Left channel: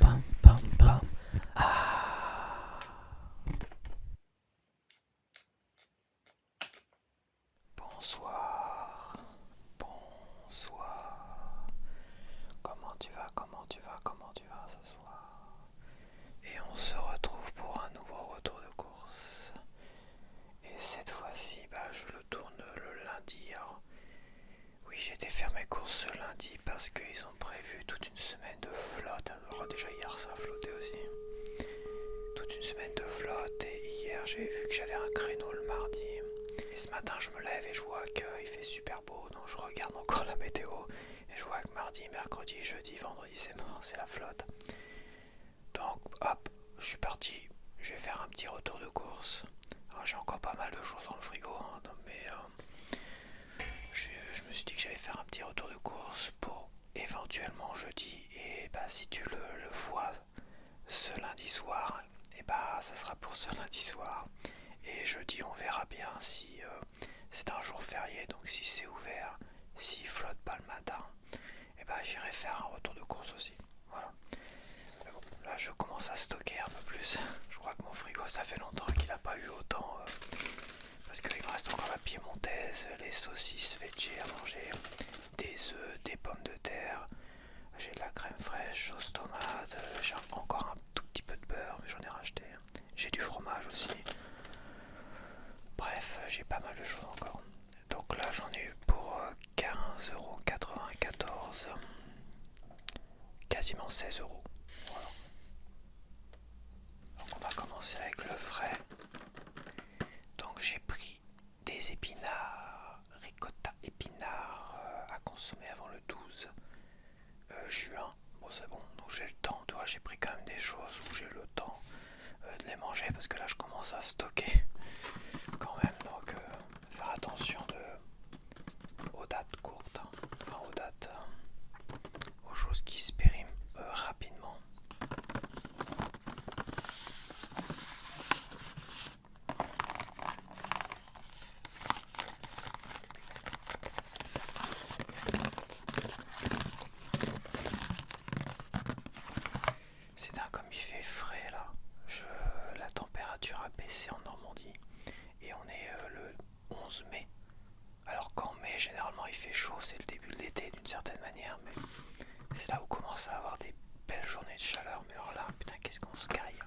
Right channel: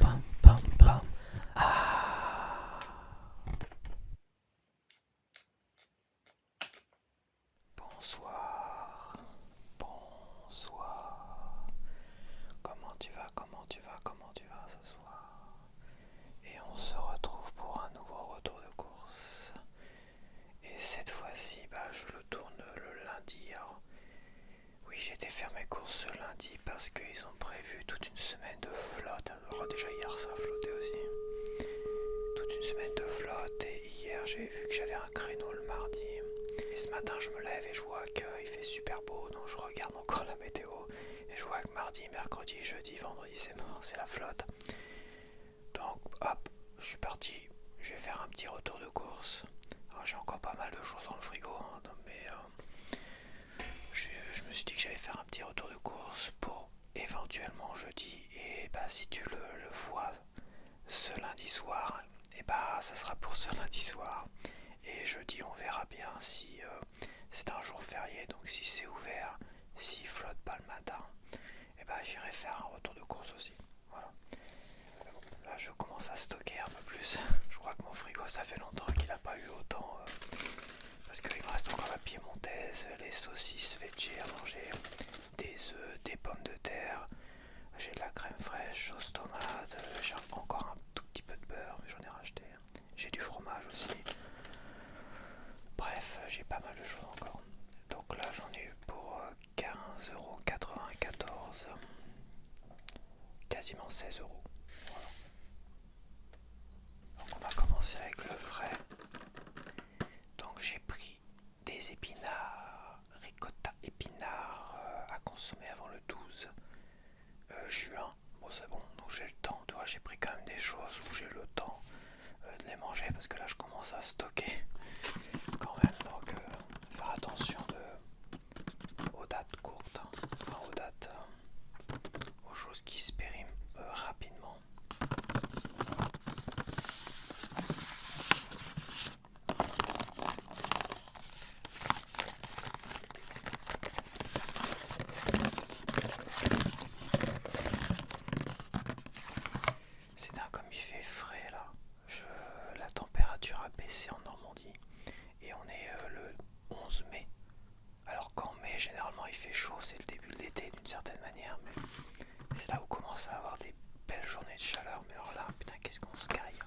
Pam, pam, pam. Ah. Bonsoir, bonsoir. Comment tu vas, comment tu vas, comment tu vas ce soir? Et on se retrouve pour un nouveau retour de course. Et cette fois-ci, je le tourne le lundi. Alors, oui, j'ai été faire mes courses ce lundi parce qu'ils ont prévu toute une semaine de flotte. Alors déjà hier ça a flotté aussi. Toute une semaine de flotte et hier j'ai vu que j'avais un créneau le mardi. Et ce matin je me lève et je vois qu'il fait super beau, donc je regarde encore la météo et je vois que mardi, mercredi, jeudi, vendredi c'est mort, c'est la flotte. Donc hop, je suis parti, je vais faire un petit retour de course. Alors, j'ai encore pas mal de choses dans le frigo, hein, mais je me suis dit que j'allais faire un petit retour de course pour éventuellement jeudi. Et si tu le vois ce lundi soir, et ça sera pour ce lundi soir. Et jeudi on verra bien si c'est un jour férié, donc si c'est ouvert, s'il flotte pas le matin, et j'irai faire un retour de course aussi. Voilà. Mais bon, là je commence à stocker un peu plus. Je crois que mon frigo ça fait longtemps qu'il n'a pas eu autant. Parce qu'il me reste encore la piémontaise, les saucisses veggie à manger, des œufs, des pommes de terre, j'ai de la crème fraîche, sauce tomate, j'ai encore un tout petit peu de beurre, mais j'en ai racheté. J'ai du fromage aussi. Bref, j'ai pas mal de choses encore. Donc là j'en ai eu pour 15,94€. Quasiment 16€. Voilà. Donc on va commencer avec le frais. Donc j'ai pris des épinards, ricotta épinards à consommer avant le 12 juin. Bon c'est bon, donc j'ai le temps. Tu vois, j'ai pris quand même des choses où j'ai le temps de les manger parce que là je commence à stocker quand même. Donc faire attention aux dates courtes, hein. Enfin aux dates, aux choses qui se périment rapidement. C'est dingue comme il fait frais là. La température a baissé en Normandie et on est le 11 mai. Alors qu'en mai généralement il fait chaud, c'est le début de l'été d'une certaine manière, mais c'est là où on commence à avoir des belles journées de chaleur. Mais alors là, putain, qu'est-ce qu'on se caille.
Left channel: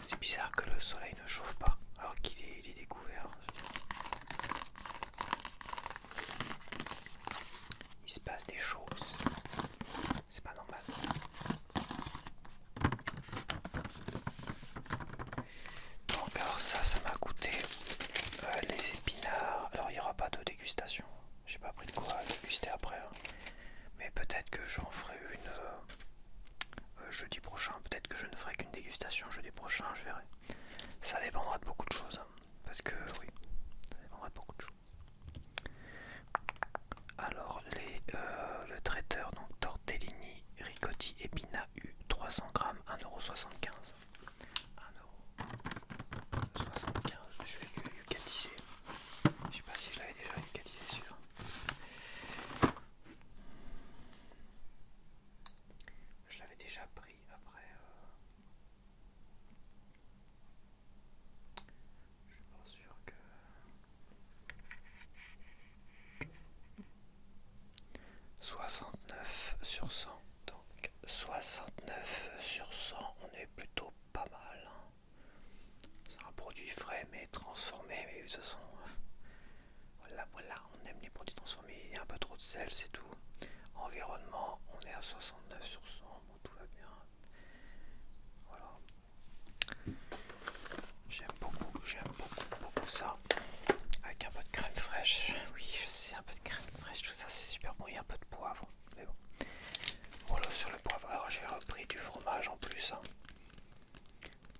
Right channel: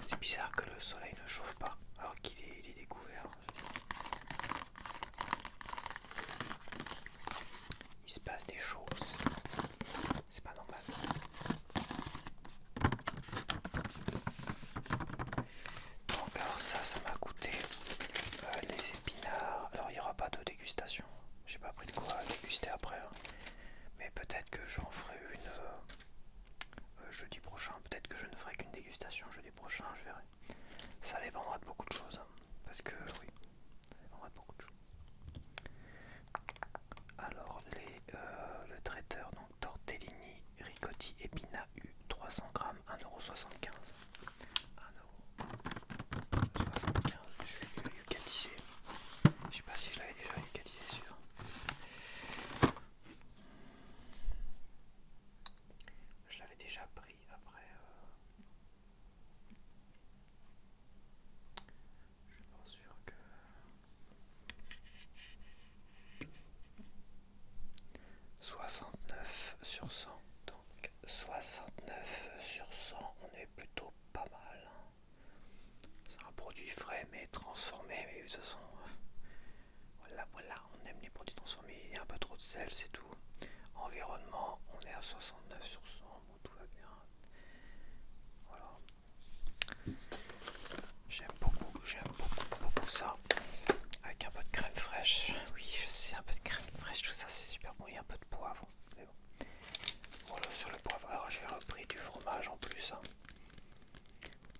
C'est bizarre que le soleil ne chauffe pas alors qu'il est découvert. Il se passe des choses. C'est pas normal. Donc alors ça m'a coûté les épinards. Alors il n'y aura pas de dégustation. J'ai pas pris de quoi déguster après. Hein. Mais peut-être que j'en ferai une jeudi prochain. Peut-être que je ne ferai qu'une dégustation jeudi prochain, je verrai. Ça dépendra de beaucoup de choses. Hein. Parce que oui, ça dépendra de beaucoup de choses. Alors le traiteur, donc tortellini ricotti épinards U 300 grammes, 1,75€. 1,75€. Je vais le yucatiser. Je sais pas si je l'avais déjà yucatisé celui-là. Je l'avais déjà pris après. Je suis pas sûr que. 69/100. Donc 69/100, on est plutôt pas mal. Hein. C'est un produit frais mais transformé, mais de toute façon, voilà, on aime les produits transformés. Il y a un peu trop de sel, c'est tout. Environnement, on est à 69/100, bon, tout va bien. Voilà. J'aime beaucoup ça. Avec un peu de crème fraîche. Oui, je sais, un peu de crème fraîche, tout ça c'est super bon. Il y a un peu de poivre, mais bon. Voilà sur le poivre. Alors j'ai repris du fromage en plus. Hein.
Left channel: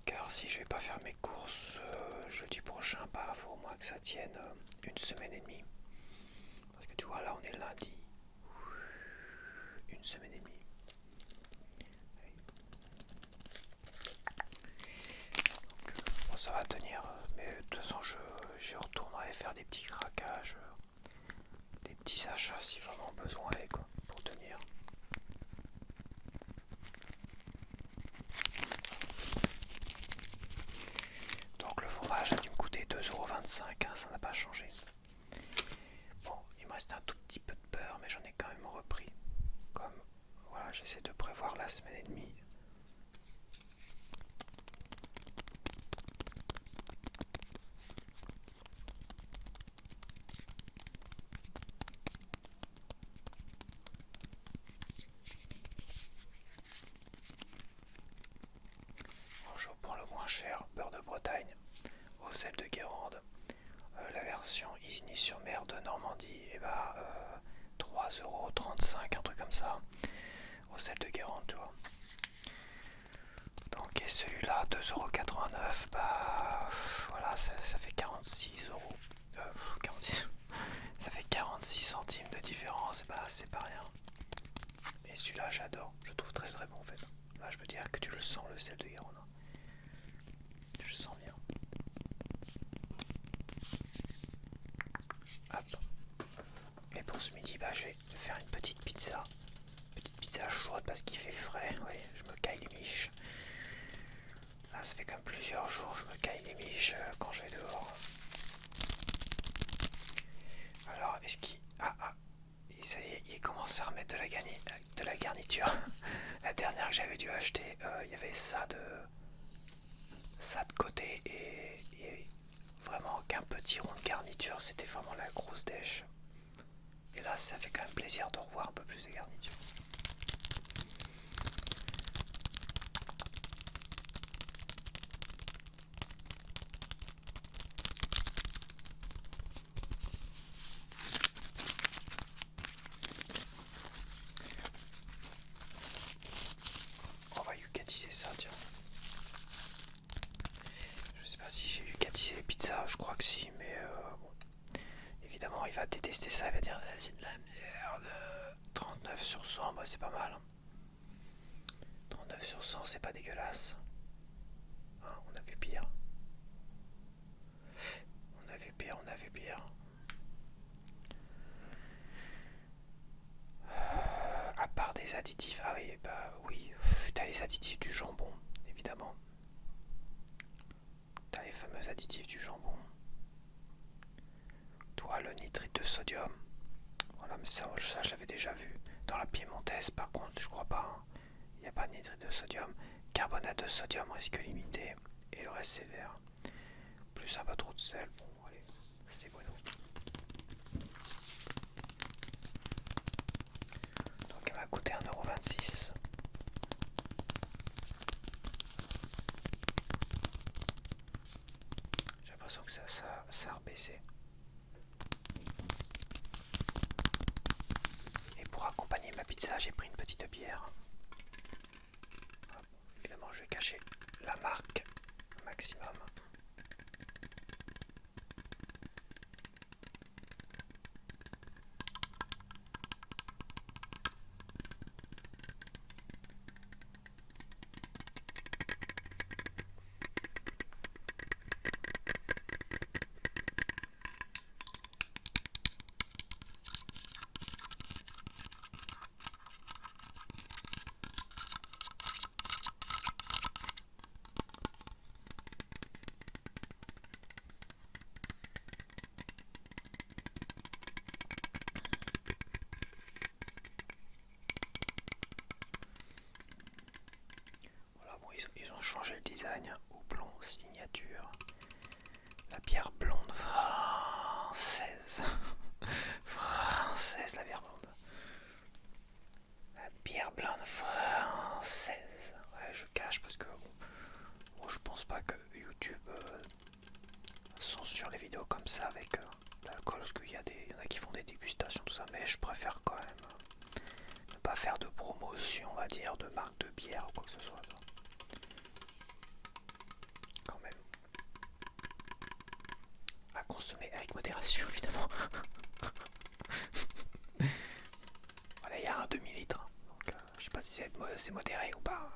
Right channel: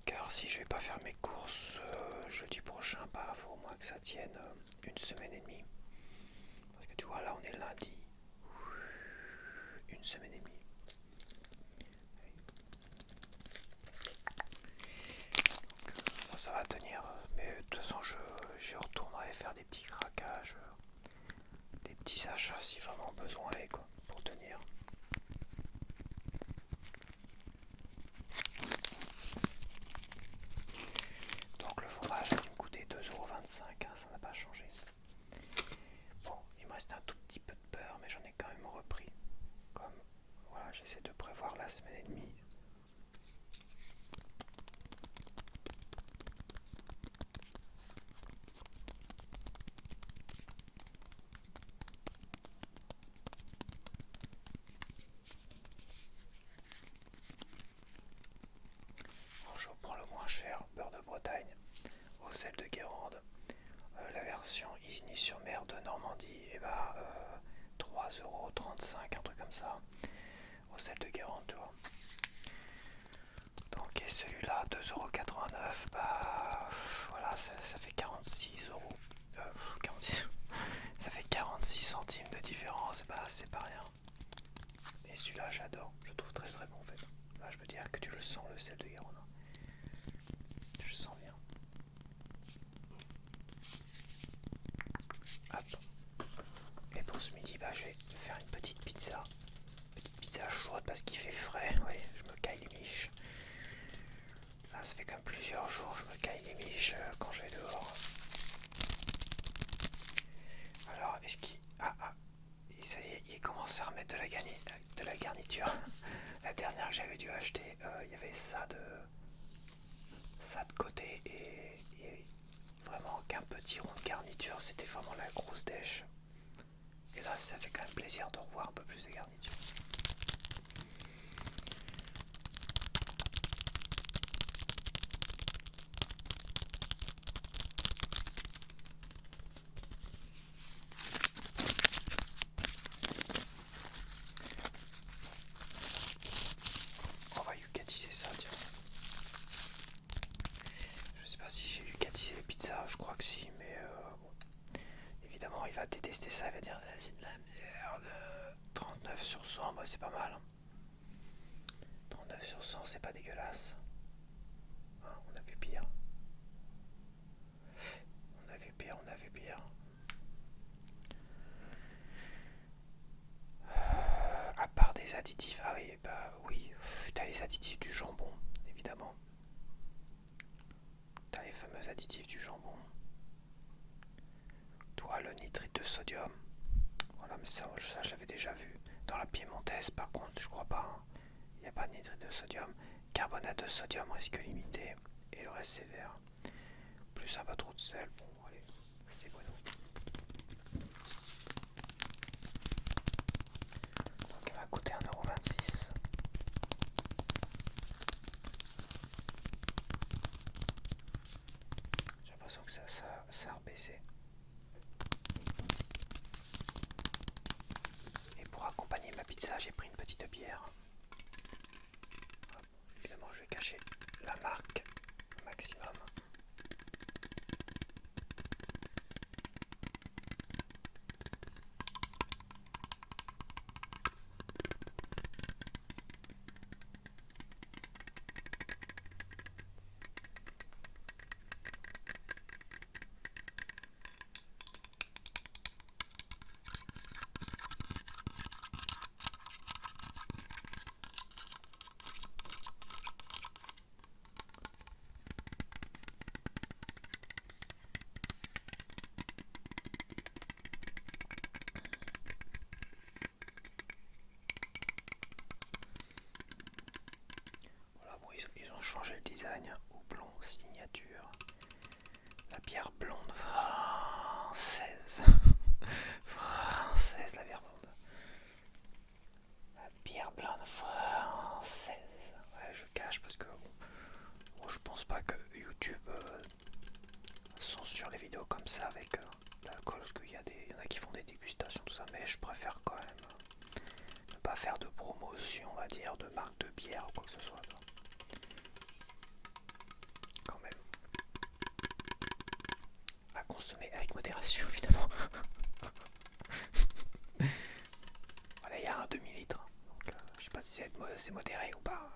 Car si je vais pas faire mes courses jeudi prochain, faut au moins que ça tienne une semaine et demie. Parce que tu vois, là on est lundi. Une semaine et demie. Donc, bon, ça va tenir. Mais de toute façon, je retournerai faire des petits craquages. Des d'achat si vraiment besoin est, quoi, pour tenir. Donc le fromage a dû me coûter 2,25 €, hein, ça n'a pas changé. Bon, il me reste un tout petit peu de beurre, mais j'en ai quand même repris. Comme, voilà, j'essaie de prévoir la semaine et demie. Bon, je reprends le moins cher, beurre de Bretagne, au sel de Guérande. La version Isigny-sur-Mer de Normandie, et bah 3,35 €, un truc comme ça, au sel de Guérande, tu vois. Donc, et celui-là, 2,89 €, bah voilà, ça fait 46 euros. 46, ça fait 46 centimes de différence, bah c'est pas rien. Et celui-là, j'adore, je trouve très très bon en fait. Là, je peux dire que tu le sens, le sel de Guérande. Tu le sens bien. Hop. Et pour ce midi, bah, je vais faire une petite pizza. Petite pizza chaude parce qu'il fait frais. Oui, je me caille les miches. Là, ça fait quand même plusieurs jours que je me caille les miches quand je vais dehors. Alors, est-ce qu'il... ça y est, il commence à remettre de la garniture. La dernière que j'avais dû acheter, il y avait ça de côté et vraiment qu'un petit rond de garniture, c'était vraiment la grosse dèche. Et là, ça fait quand même plaisir de revoir un peu plus de garniture. On va yucatiser ça, tiens. Je sais pas si j'ai yucatisé les pizzas, je crois que si, mais bon. Évidemment, il va détester ça, il va dire c'est de la merde. 39 sur 100, bah, c'est pas mal. 39 sur 100, c'est pas dégueulasse. Hein, on a vu pire. On a vu pire, on a vu pire. À part des additifs, ah oui, bah oui, t'as les additifs du jambon, évidemment. T'as les fameux additifs du jambon. Toi, le nitrite de sodium. Voilà, mais ça je l'avais déjà vu. Dans la piémontaise, par contre, je crois pas. Il n'y a pas de nitrite de sodium. Carbonate de sodium, risque limité. Et le reste, c'est vert. Plus un peu trop de sel. Bon, allez, c'est bueno. Donc, elle m'a coûté 1,26 €. J'ai l'impression que ça a rebaissé. Et pour accompagner ma pizza, j'ai pris une petite bière. Hop. Évidemment, je vais cacher la marque maximum. Voilà, bon, ils ont changé le design. Houblon signature. La bière blonde française. Française, la bière blonde. La bière blonde française. Ouais, je cache parce que bon, moi, je pense pas que YouTube censure les vidéos comme ça avec de l'alcool, parce qu'il y en a qui font des dégustations, tout ça, mais je préfère quand même ne pas faire de promotion, on va dire, de marque de bière ou quoi que ce soit. Quand même. À consommer avec modération, évidemment. Voilà, il y a un demi-litre. Donc, je sais pas si c'est modéré ou pas.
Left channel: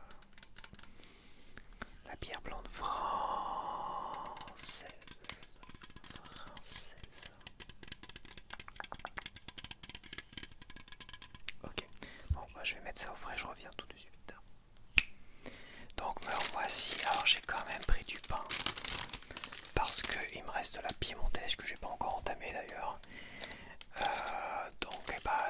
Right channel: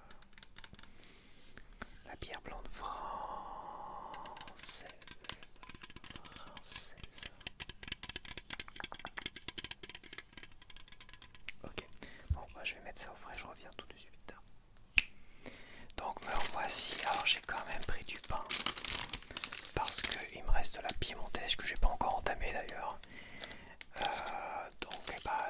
La bière blonde française. Française. je vais mettre ça au frais, je reviens tout de suite. Donc me voici, alors j'ai quand même pris du pain parce qu'il me reste de la piémontaise que j'ai pas encore entamée d'ailleurs. Donc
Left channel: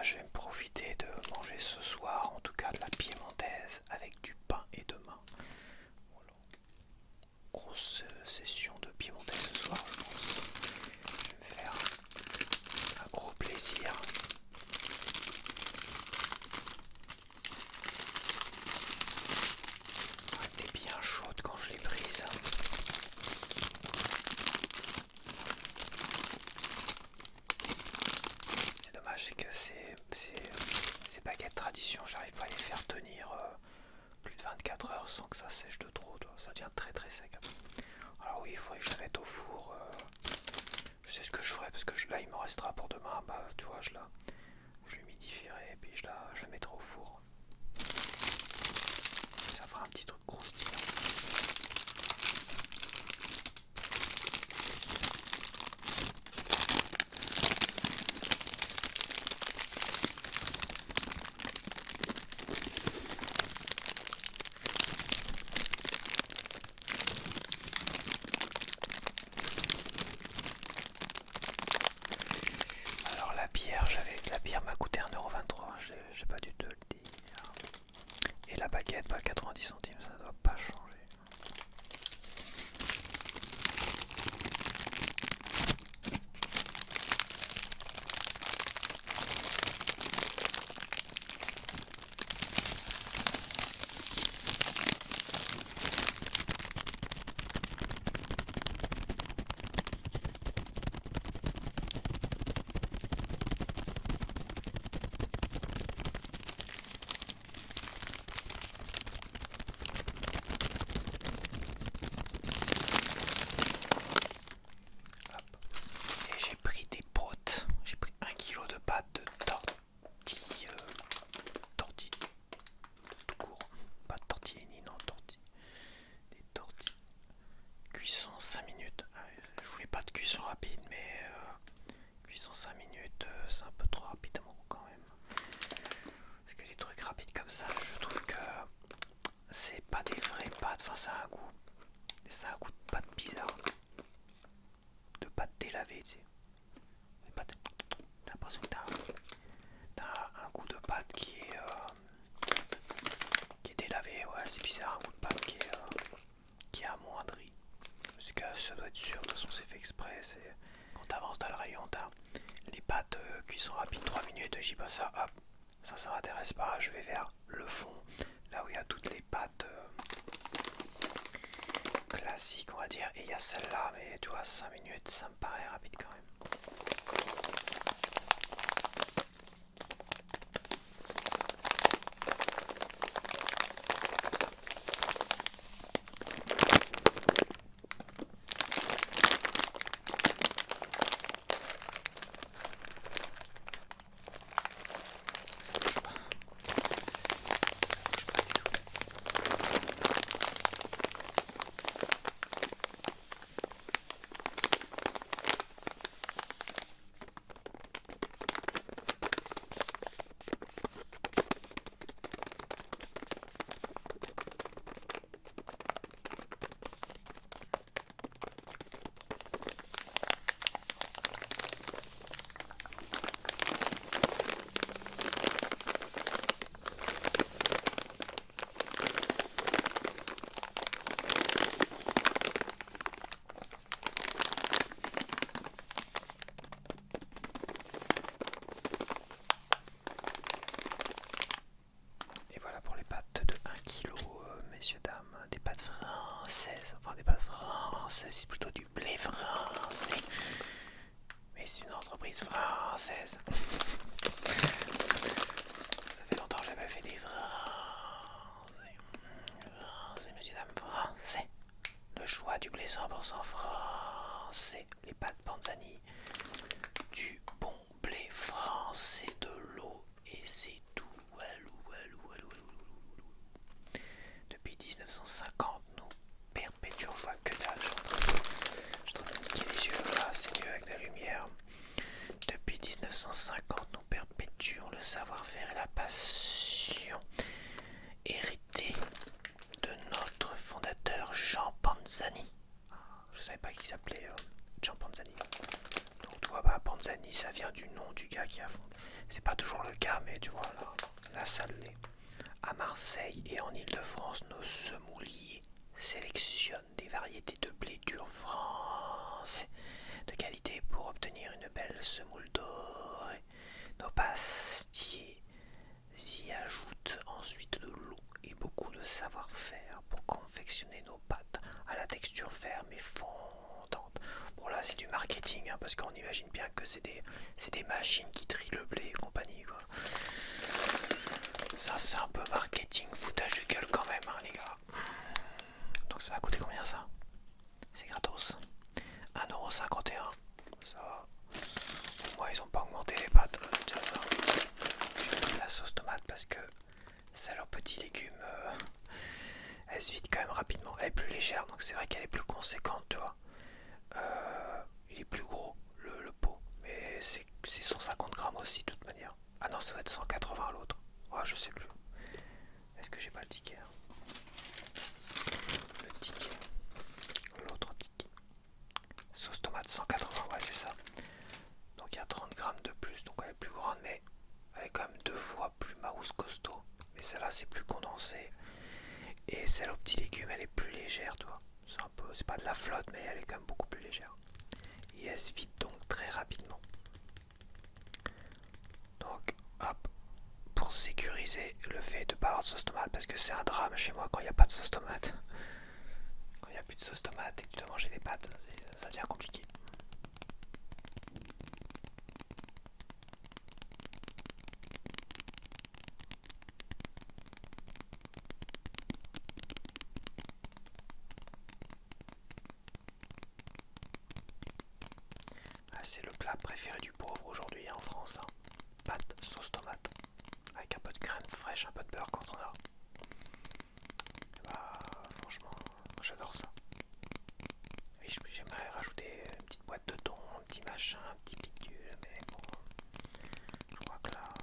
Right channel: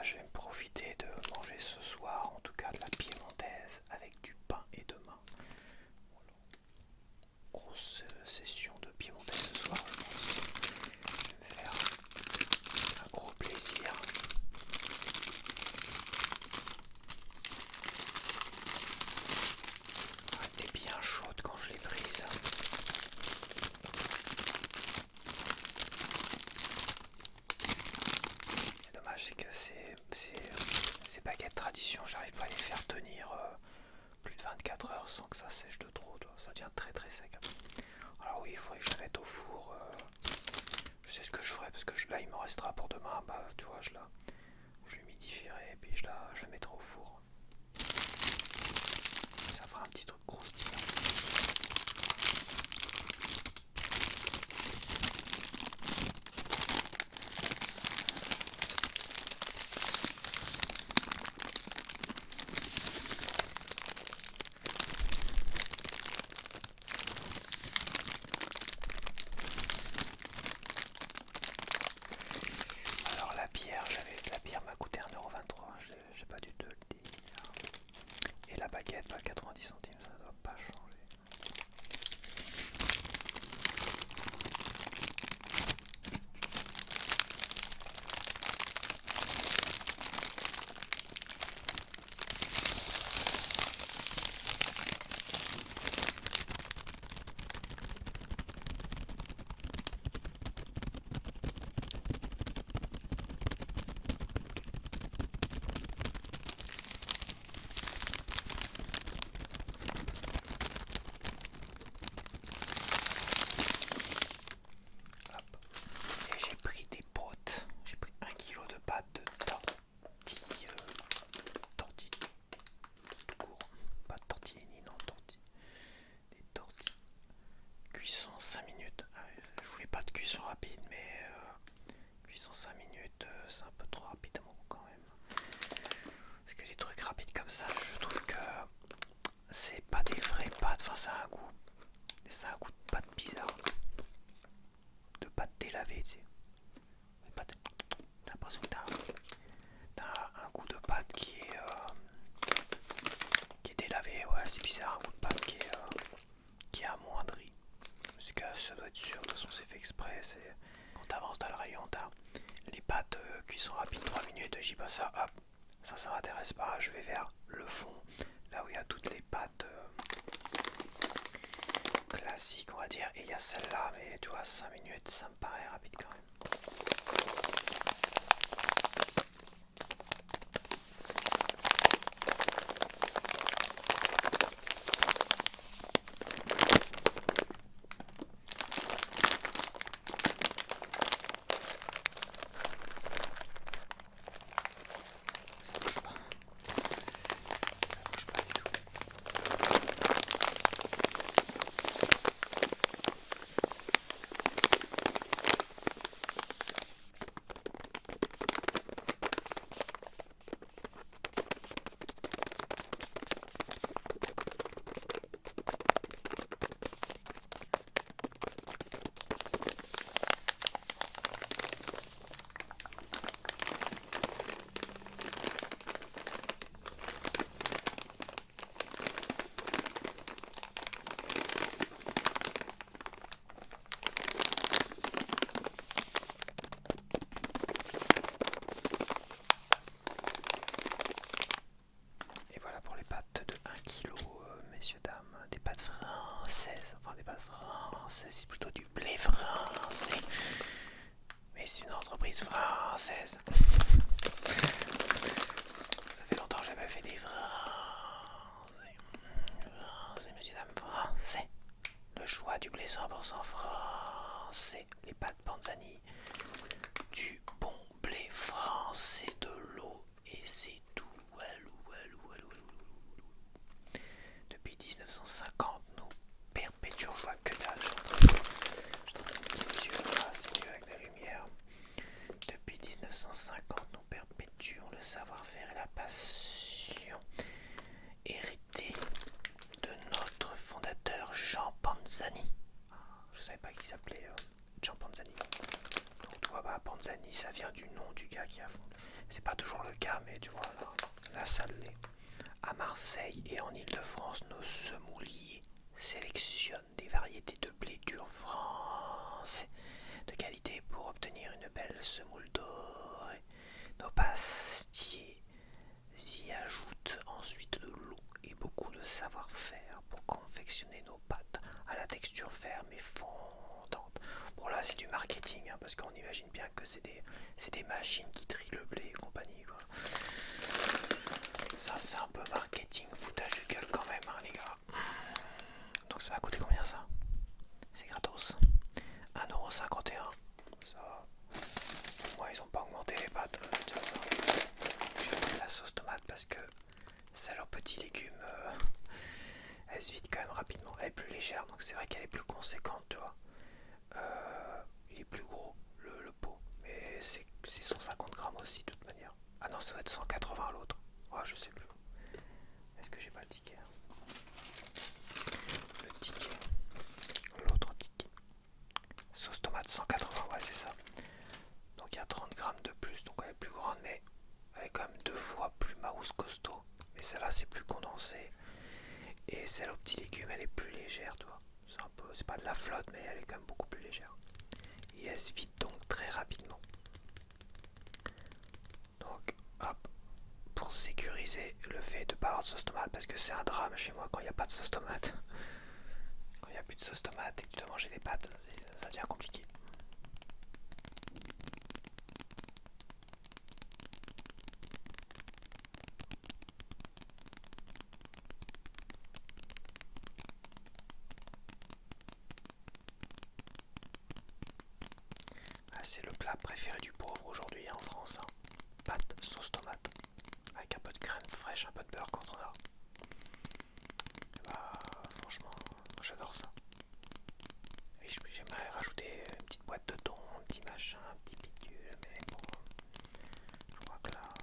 je vais me profiter de manger ce soir en tout cas de la piémontaise avec du pain et demain. Voilà. Grosse session de piémontaise ce soir je pense. Je vais me faire un gros plaisir. Elle était bien chaude quand je l'ai prise. C'est dommage, c'est que ces baguettes tradition, j'arrive pas à les faire tenir plus de 24 heures sans que ça sèche de trop. Ça devient très très sec. Alors oui, il faudrait que je la mette au four. Je sais ce que je ferai parce que là il me restera pour demain. Tu vois, je l'humidifierai et puis je la mettrai au four. Ça fera un petit truc croustillant. Alors la bière m'a coûté 1,23 €, j'ai pas dû te le dire. Et la baguette, 90 centimes, ça doit pas changer. Et j'ai pris des pâtes, j'ai pris 1 kg de pâtes de tortilles tout court, pas de tortellini, non, des tortilles. Cuisson 5 minutes, je voulais pas de cuisson rapide, mais cuisson 5 minutes, c'est un peu trop rapide à mon goût quand même. Parce que les trucs rapides comme ça, je trouve que c'est pas des vraies pâtes, enfin ça a un goût de pâte bizarre. De pâte délavée, tu sais. T'as l'impression que t'as un goût de pâte qui est délavé, ouais, c'est bizarre, un goût de pâte qui est amoindri. Parce que ça doit être sûr, de toute façon c'est fait exprès, quand t'avances dans le rayon, t'as les pâtes cuisson rapide 3 minutes, j'y passe ça, hop, ça m'intéresse pas, je vais vers le fond, là où il y a toutes les pâtes classiques on va dire, et il y a celle-là, mais tu vois 5 minutes ça me paraît rapide quand même. Ça bouge pas. Ça bouge pas du tout. Et voilà pour les pâtes de 1 kg, messieurs, dames. Des pâtes françaises. Enfin, des pâtes françaises, c'est plutôt du blé français. Mais c'est une entreprise française. Ça fait longtemps que j'avais fait des français. Français, messieurs, dames, français. Le choix du blé 100% français. Les pâtes Panzani. Du bon blé français, de l'eau et c'est tout. Depuis 1950, nous perpétuons, je vois que dalle, je suis en train de les yeux là, c'est mieux avec la lumière. Depuis 1950, nous perpétuons le savoir-faire et la passion tradition héritée de notre fondateur Jean Panzani. Je savais pas qu'il s'appelait Jean Panzani. Donc tu vois, Panzani, ça vient du nom du gars qui a fondé. C'est pas toujours le cas, mais tu vois, là ça l'est. À Marseille et en Île-de-France, nos semouliers sélectionnent des variétés de blé dur français de qualité pour obtenir une belle semoule dorée. Nos pastiers y ajoutent ensuite de l'eau et beaucoup de savoir-faire pour confectionner nos pâtes à la texture ferme et fondante. Bon là c'est du marketing parce qu'on imagine bien que c'est des machines qui trient le blé et compagnie quoi. Ça c'est un peu marketing, foutage de gueule quand même les gars. Donc ça va coûter combien ça? C'est gratos. 1,51€. Ça va. Moi ils ont pas augmenté les pâtes, déjà ça. J'ai pris la sauce tomate parce que ça leurs petits légumes elle se vide quand même rapidement. Elle est plus légère donc c'est vrai qu'elle est plus conséquente tu vois. Il est plus gros le pot. Mais c'est 150 grammes aussi de toute manière. Ah non ça va être 180 l'autre. Ouais je sais plus. Est-ce que j'ai pas le ticket Le ticket. L'autre ticket. Sauce tomate 180, ouais c'est ça. Donc il y a 30 grammes de plus, donc elle est plus grande, mais elle est quand même 2 fois plus mouse costaud. Mais celle-là c'est plus condensé. Et celle aux petits légumes elle est plus légère, tu vois. C'est pas de la flotte, mais elle est quand même beaucoup plus légère. Et elle se vide donc très rapidement. Donc hop, pour sécuriser le fait de ne pas avoir de sauce tomate, parce que c'est un drame chez moi quand il n'y a pas de sauce tomate. Quand il n'y a plus de sauce tomate et que tu dois manger des pâtes, ça devient compliqué. C'est le plat préféré du pauvre aujourd'hui en France. Pâtes, sauce tomate, avec un peu de crème fraîche, un peu de beurre quand on a. Franchement, j'adore ça. Et j'aimerais rajouter une petite boîte de thon, un petit machin, un petit bidule, mais bon, je crois que là...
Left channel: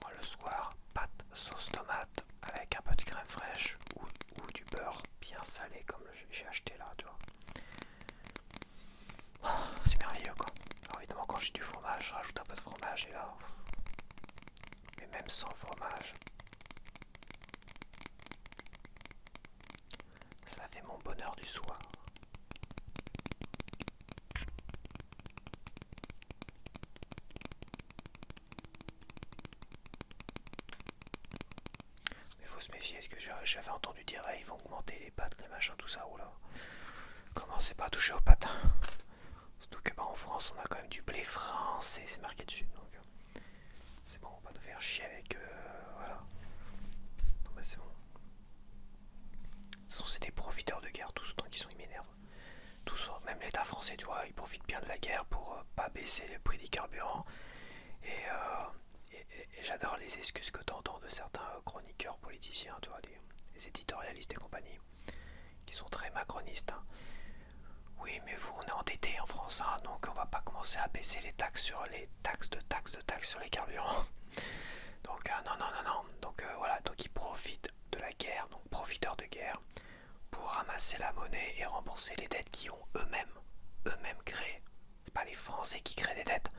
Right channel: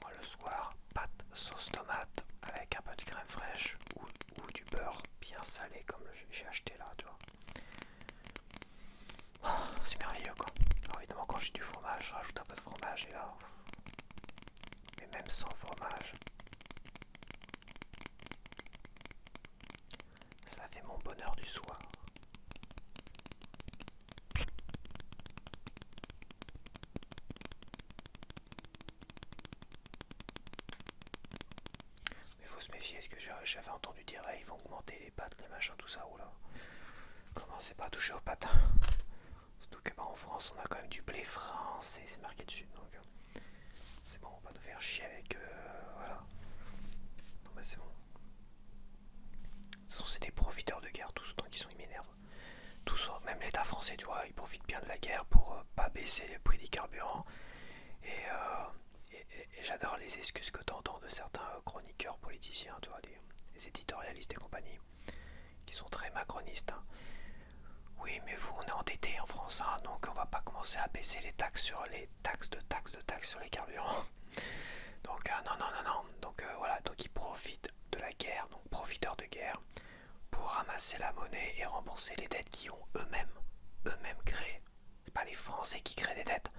Moi le soir, pâtes, sauce tomate, avec un peu de crème fraîche ou du beurre bien salé comme j'ai acheté là, tu vois. C'est merveilleux quoi. Alors évidemment quand j'ai du fromage, je rajoute un peu de fromage et là... Mais même sans fromage, ça fait mon bonheur du soir. Mais faut se méfier, parce que j'avais entendu dire ils vont augmenter les pâtes, les machins, tout ça, oula. Commencez pas à toucher aux pâtes. Surtout que en France on a quand même du blé français, c'est marqué dessus, donc c'est bon, on va pas nous faire chier avec voilà. Non mais c'est bon. De toute façon c'est des profiteurs de guerre tous, autant qu'ils sont, ils m'énervent. Tous, même l'État français, tu vois, il profite bien de la guerre pour pas baisser les prix des carburants. Et j'adore les excuses que tu entends de certains chroniqueurs politiciens, tu vois, les éditorialistes et compagnie, qui sont très macronistes. Hein. Oui, mais vous, on est endetté en France, hein, donc on va pas commencer à baisser les taxes sur les taxes sur les carburants. Donc non. Donc voilà, donc ils profitent de la guerre, donc profiteurs de guerre, pour ramasser la monnaie et rembourser les dettes qu'ils ont eux-mêmes créées. C'est pas les Français qui créent des dettes.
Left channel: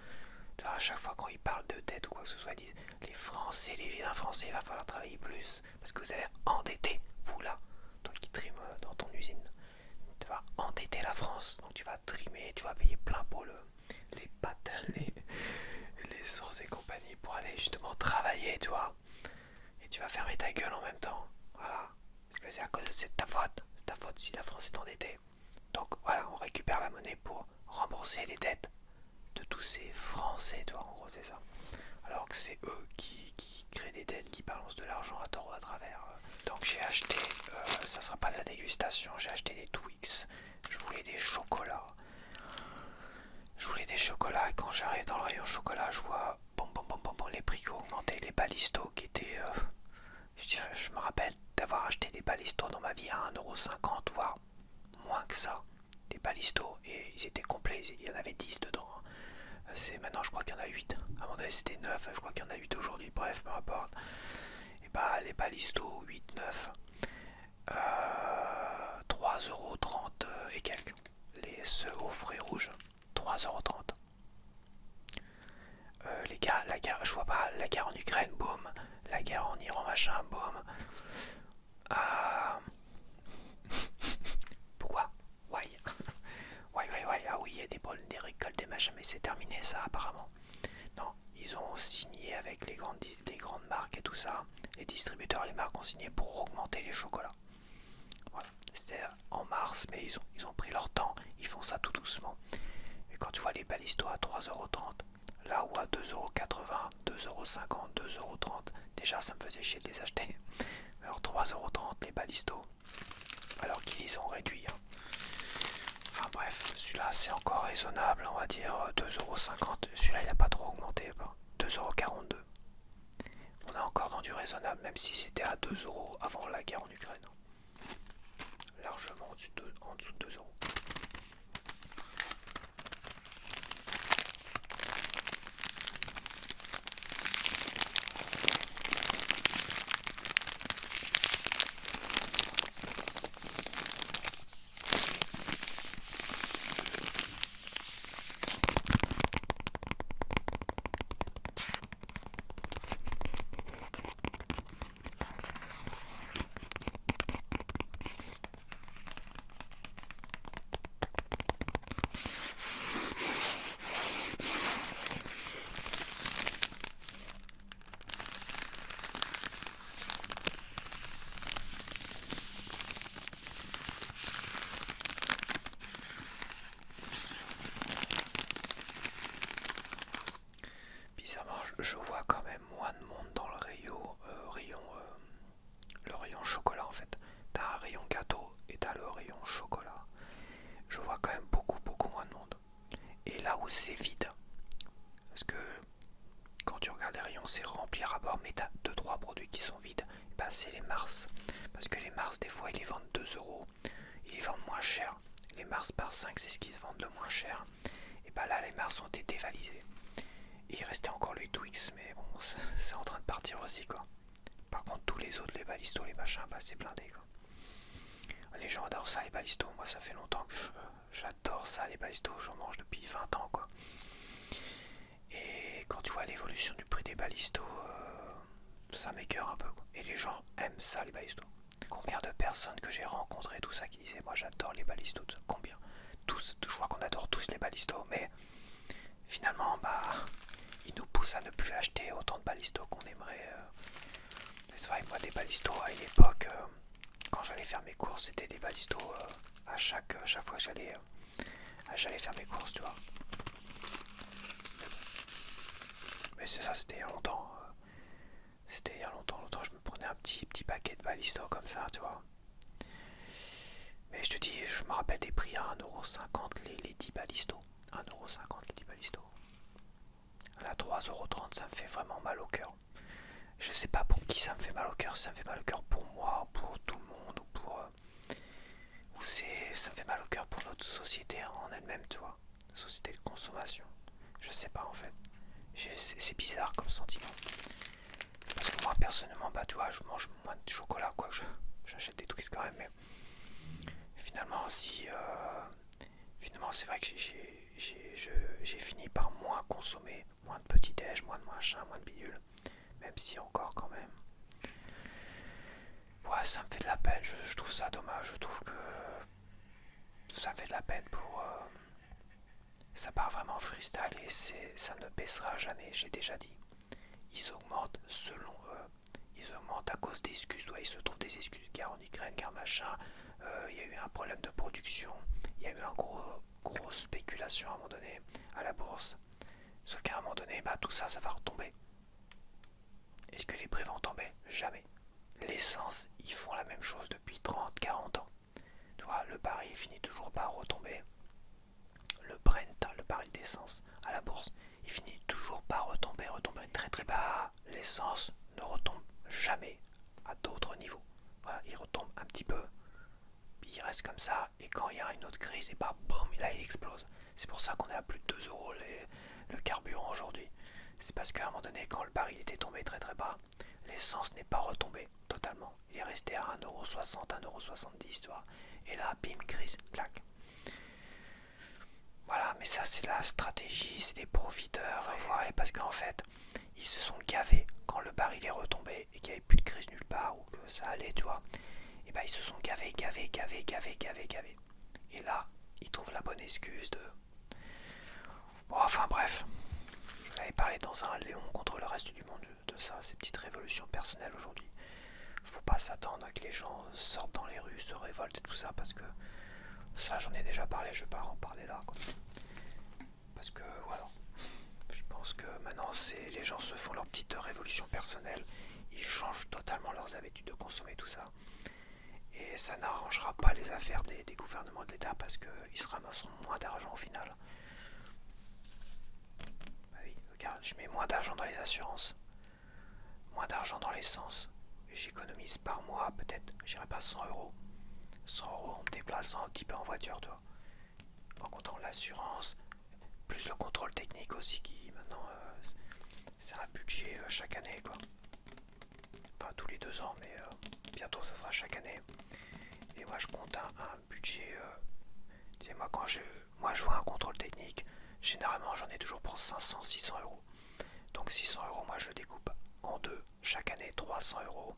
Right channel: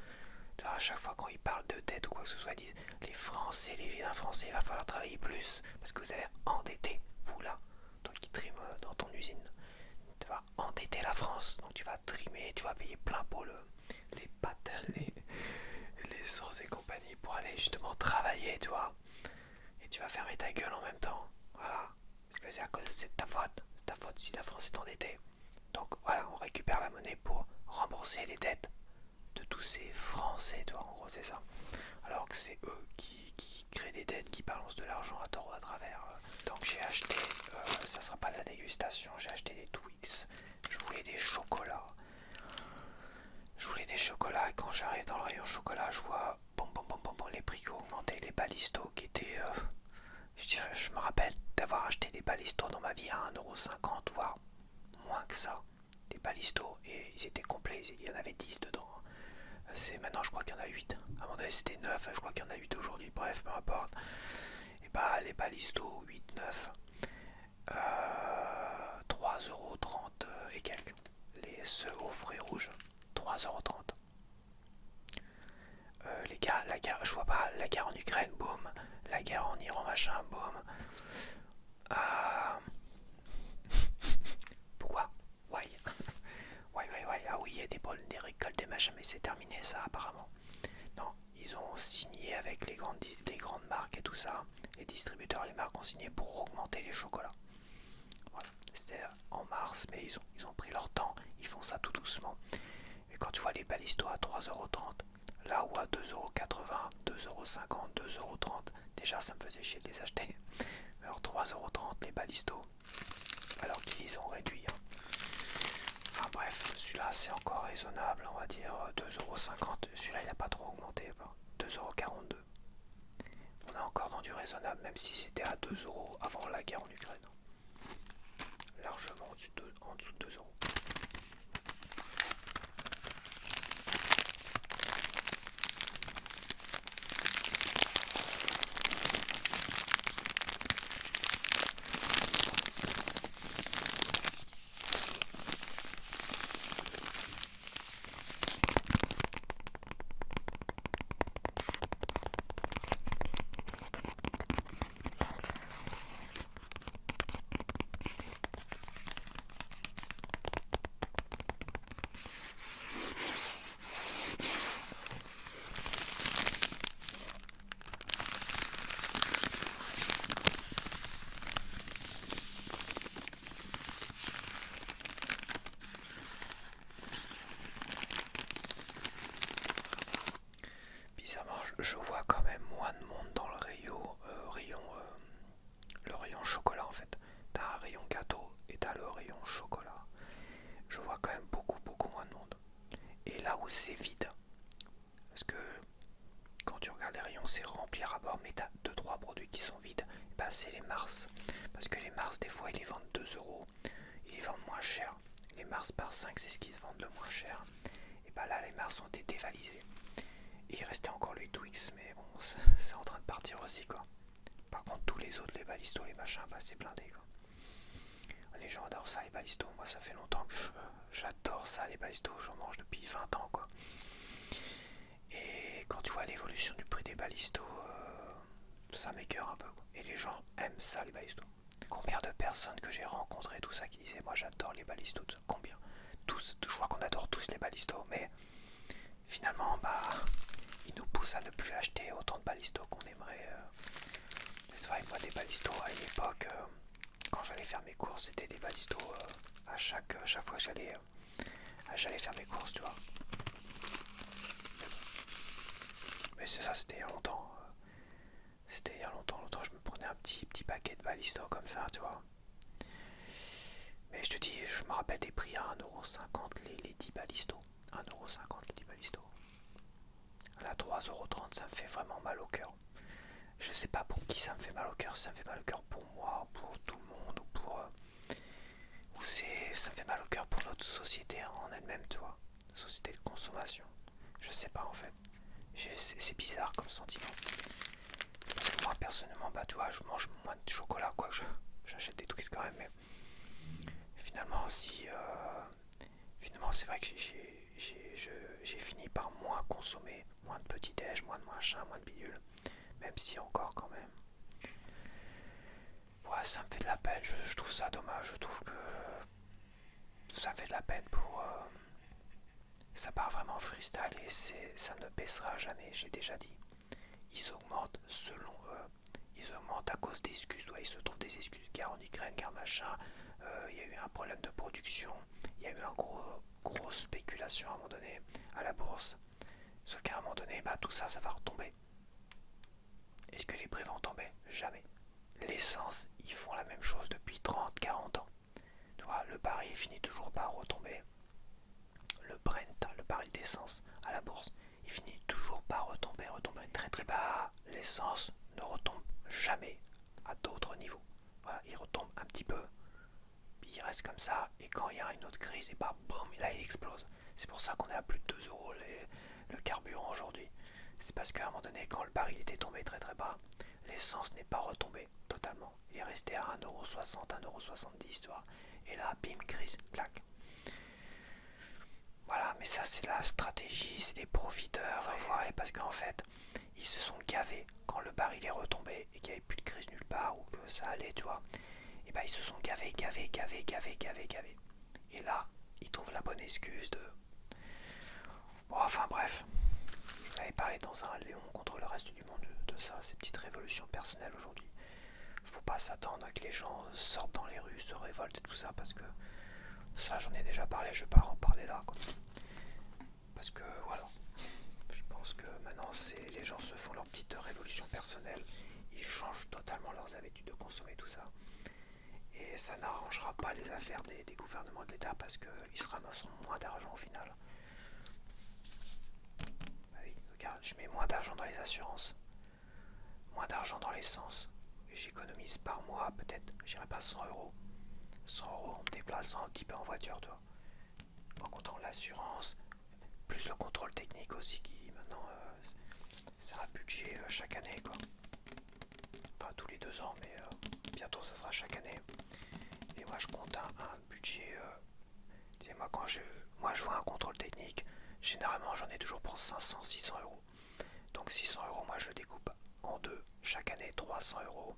Tu vois, à chaque fois quand ils parlent de dettes ou quoi que ce soit, ils disent les Français, les vilains Français, il va falloir travailler plus parce que vous avez endetté, vous là, toi qui trimes dans ton usine. Tu vas endetter la France, donc tu vas trimer, tu vas payer plein pot les pâtes, les sources et compagnie pour aller justement travailler, tu vois. Et tu vas fermer ta gueule en même temps. Voilà. Parce que c'est de ta faute. C'est ta faute si la France est endettée. Donc voilà, on récupère la monnaie pour rembourser les dettes de tous ces Français, tu vois, en gros c'est ça. Alors que c'est eux qui créent des dettes, qui balancent de l'argent à tort ou à travers. Donc j'ai acheté, ça sera pas de la dégustation, j'ai acheté des Twix, je voulais des chocolats. Et quand j'arrive dans le rayon chocolat, je vois les prix qui ont augmenté, les balistos qui étaient... je me rappelle d'avoir acheté des balistos dans ma vie à 1,50€, voire moins que ça, des balistos, et ils étaient complets, il y en avait 10 dedans. Maintenant je crois qu'il y en a 8. À un moment donné c'était 9, je crois qu'il y en a 8 aujourd'hui, bref, peu importe. Et bah les balistos 8, 9, 3,30€ et quelques. Ceux aux fruits rouges, 3,30€. Les gars, la guerre, je vois pas, la guerre en Ukraine, boum. La guerre en Iran, machin, boum. Pourquoi? Ouais. Ouais. Ah oui, il y a des problèmes, des récoltes, des machins, mais c'est terminé ça apparemment. Non, ils ont signé avec les grandes marques et tout ça. Les distributeurs, les marques ont signé pour augmenter les chocolats. Voilà. C'était en mars, mais ils ont pris leur temps. Ils font ça tout doucement. Et quand tu vois les balistos à 3,30€, là où à 2,80€, 2,50€, 2,30€, déjà ça me faisait chier de les acheter. Alors 3,30€ les balistos, alors qu'ils les ont réduits. Enfin bref, celui-là c'est encore raisonnable, on va dire 2,50€. Celui-là il n'a pas trop augmenté, 2,42€. On est encore dans du raisonnable, même si c'était à 2€ avant la guerre en Ukraine. Largement en dessous de 2€. Bizarrement, je vois quand même moins de monde dans le le rayon chocolat en fait. T'as un rayon gâteau et t'as le rayon chocolat. Je vois quand même beaucoup moins de monde. Et là où c'est vide, parce que quand tu regardes les rayons c'est rempli à bord, mais t'as 2-3 produits qui sont vides, et bah c'est les Mars. Parce que les Mars des fois ils les vendent 2€, ils les vendent moins cher. Les Mars par 5 c'est ce qu'ils se vendent le moins cher. Et bah là les Mars ont été dévalisés. Et il restait encore le Twix, mais bon, c'est en train de partir aussi quoi. Par contre, tous les autres, les balistos, les machins, bah c'est blindé quoi. Les gens adorent ça, les balistos. Moi, ça fait longtemps que j'adore ça, les balistos. J'en mange depuis 20 ans quoi. Et quand tu vois l'évolution du prix des balistos, ça m'écœure un peu quoi. Et les gens aiment ça, les balistos. Combien de personnes que j'ai rencontrées, tout ça, qui disaient moi j'adore les balistos. Combien? Tous, je crois qu'on adore tous les balistos, mais finalement, bah, ils nous poussent à ne plus acheter autant de balistos qu'on aimerait. C'est vrai, moi, des balistos à une époque, quand j'allais faire mes courses, c'était des balistos à chaque fois que j'allais faire mes courses, tu vois. Mais c'est ça, c'était il y a longtemps. C'était il y a longtemps, je me prenais un petit paquet de balistos comme ça, tu vois. Mais je te dis, je me rappelle des prix à 1,50€ les 10 balistos. 1,50€ les 10 balistos. Là, 3,30€, ça me fait vraiment mal au cœur. Je sais pas pour qui ça me fait mal au cœur. Ça me fait mal au cœur pour moi, pour tout le monde, ou pour. Ça me fait mal au cœur pour notre société en elle-même, tu vois. Société de consommation. Je sais pas en fait. C'est bizarre comme sentiment. Parce que moi, personnellement, bah tu vois, je mange moins de chocolat, quoi. J'achète des Twix quand même, mais. Finalement, finalement, c'est vrai que j'ai fini par moins consommer, moins de petits déj, moins de machin, moins de bidule, même si encore quand même. Ouais, ça me fait de la peine, je trouve ça dommage, je trouve que ça me fait de la peine pour. Ça part vraiment freestyle et ça ne baissera jamais, j'ai déjà dit. Ils augmentent selon eux, ils augmentent à cause d'excuses, ouais, ils se trouvent des excuses, guerre en Ukraine, guerre machin, il y a eu un problème de production, il y a eu un grosse spéculation à un moment donné à la bourse. Sauf qu'à un moment donné, bah, tout ça, ça va retomber. Est-ce que les prix vont tomber? Jamais. L'essence, ils font la même chose depuis 30, 40 ans. Tu vois, le baril finit toujours par retomber. Le Brent, le baril d'essence à la bourse, il finit toujours par retomber très très bas. L'essence ne retombe jamais à d'autres niveaux. Voilà, il retombe un petit peu, puis reste comme ça, et quand il y a une autre crise, et bah boum, là il explose. C'est pour ça qu'on est à plus de 2 euros le carburant aujourd'hui. C'est parce qu'à un moment donné, quand le baril était tombé très très bas, l'essence n'est pas retombée totalement. Il est resté à 1,60 €, 1,70 €, tu vois. Et là, bim, crise, clac. Voilà, mais ça c'est la stratégie, c'est des profiteurs, enfoirés, parce qu'en fait, ils se sont gavés quand le baril est retombé et qu'il n'y avait plus de crise nulle part ou que ça allait, tu vois. Et bah ils se sont gavés. Et là, ils trouvent la bonne excuse de... Bon, enfin bref, je l'avais parlé dans un Léon contre le reste du monde de ça, ces petites révolutions personnelles aujourd'hui. Faut pas s'attendre à que les gens sortent dans les rues, se révoltent et tout ça, parce que ça j'en ai déjà parlé, je vais pas en parler là, quoi. Parce que voilà, je pense que maintenant les gens se font leur petite révolution personnelle, ils changent totalement leurs habitudes de consommer tout ça. Et ça n'arrangera pas les affaires des gouvernements de l'État parce qu'ils se ramasseront moins d'argent au final. Bah oui, regarde, je mets moins d'argent dans les assurances, moins d'argent dans l'essence. J'économise par mois peut-être, j'irai pas 100 €. 100 € en me déplaçant un petit peu en voiture, toi. En comptant l'assurance, plus le contrôle technique aussi qui maintenant c'est un budget chaque année quoi. Enfin tous les 2 ans mais bientôt ça sera chaque année. Et moi je compte un budget, tu sais, moi je vois un contrôle technique, généralement j'en ai toujours pour 500-600 €. Donc 600 € moi je le découpe en deux, chaque année 300 €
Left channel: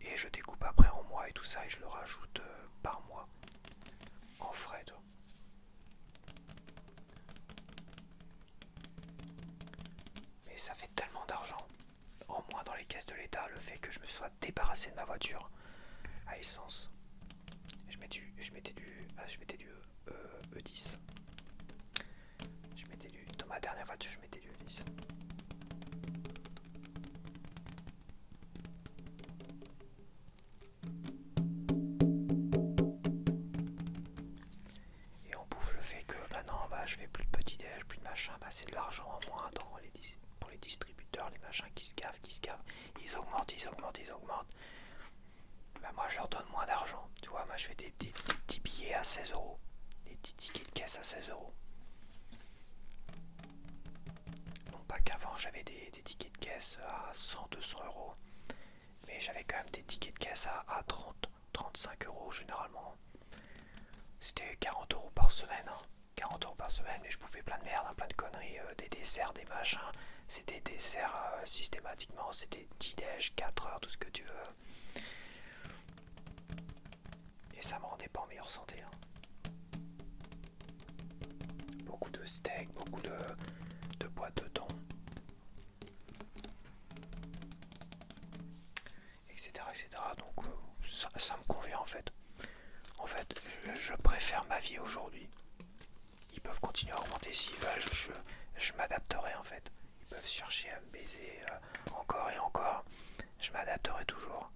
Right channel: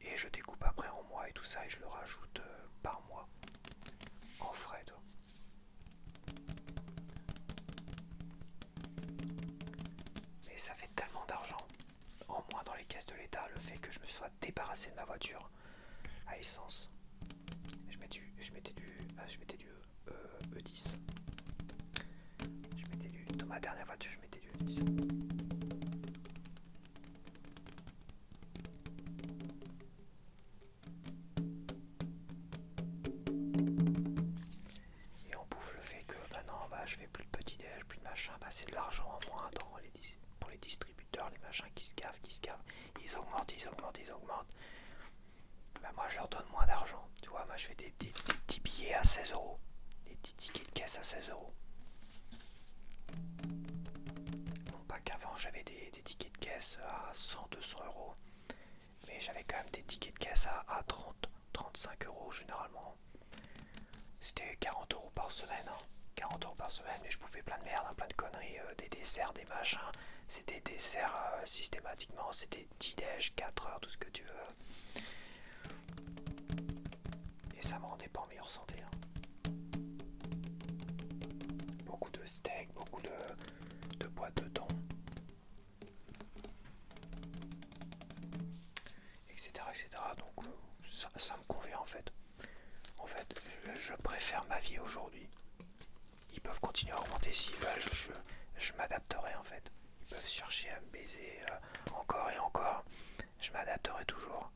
et je découpe après en mois et tout ça et je le rajoute par mois en frais toi. Mais ça fait tellement d'argent en moins dans les caisses de l'État le fait que je me sois débarrassé de ma voiture à essence. Je mettais du E10. Dans ma dernière voiture je mettais du E10. Et on bouffe le fait que maintenant bah, je fais plus de petit déj, plus de machin, bah, c'est de l'argent en moins pour les distributeurs, les machins qui se gavent. Ils augmentent. Bah, moi je leur donne moins d'argent. Tu vois, moi je fais des petits billets à 16 €. Des petits tickets de caisse à 16 €. Non pas qu'avant j'avais des tickets de caisse à 100-200 €. Mais j'avais quand même des tickets de caisse à 30-35 € généralement. C'était 40 € par semaine. 40 € par semaine, mais je bouffais plein de merde, plein de conneries, des desserts, des machins. C'était desserts systématiquement, c'était petit déj, 4 heures, tout ce que tu veux. Et ça me rendait pas en meilleure santé. Beaucoup de steak, beaucoup de boîtes de thon. Etc. Donc ça me convient en fait. En fait, je préfère ma vie aujourd'hui. Ils peuvent continuer à augmenter s'ils veulent, je m'adapterai en fait. Ils peuvent chercher à me baiser encore et encore. Je m'adapterai toujours.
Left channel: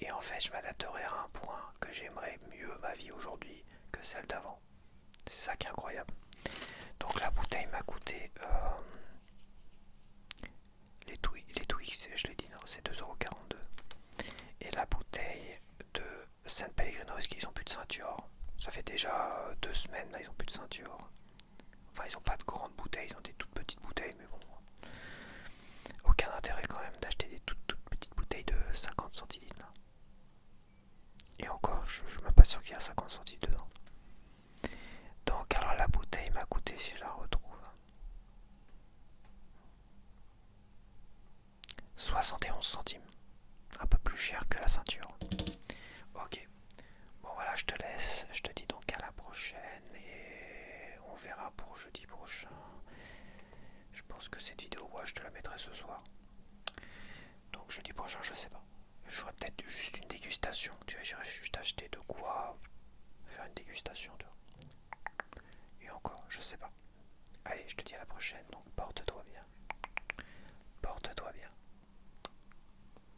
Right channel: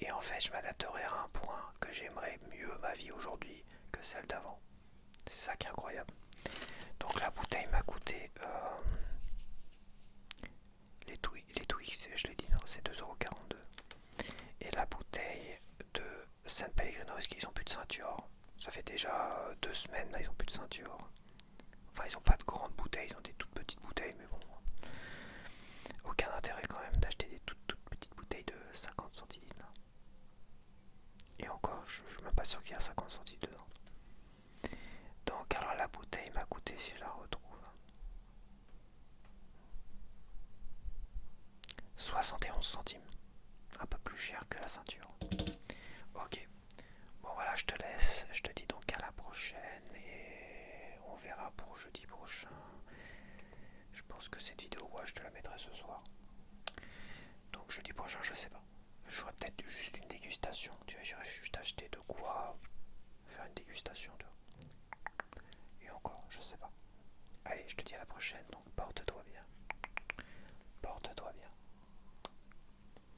Et en fait, je m'adapterai à un point que j'aimerais mieux ma vie aujourd'hui que celle d'avant. C'est ça qui est incroyable. Donc la bouteille m'a coûté... les Twix, je l'ai dit, non, c'est 2,42 €. Et la bouteille de San Pellegrino, est-ce qu'ils ont plus de ceinture? Ça fait déjà 2 semaines, là, ils ont plus de ceinture. Enfin, ils ont pas de grandes bouteilles, ils ont des toutes petites bouteilles, mais bon. Aucun intérêt quand même d'acheter des toutes petites bouteilles de 50 centilitres. Là. Et encore, je suis même pas sûr qu'il y a 50 centilitres dedans. Donc, alors la bouteille m'a coûté, si je la retrouve, 71 centimes. Un peu plus cher que la ceinture. Ok. Bon voilà, je te laisse. Je te dis donc à la prochaine et on verra pour jeudi prochain. Je pense que cette vidéo, ouais, je te la mettrai ce soir. Donc jeudi prochain, je sais pas. Je ferai peut-être juste une dégustation. Tu vois, j'irai juste acheter de quoi faire une dégustation. Tu vois. Et encore, je sais pas. Allez, je te dis à la prochaine. Donc porte-toi bien. Porte-toi bien.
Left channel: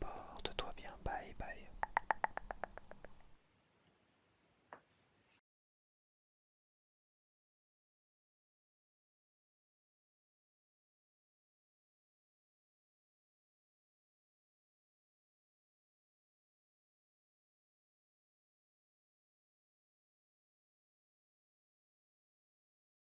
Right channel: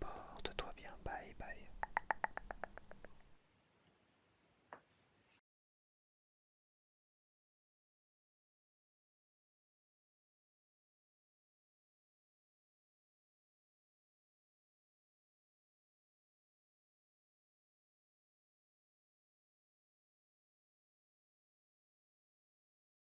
Porte-toi bien. Bye bye.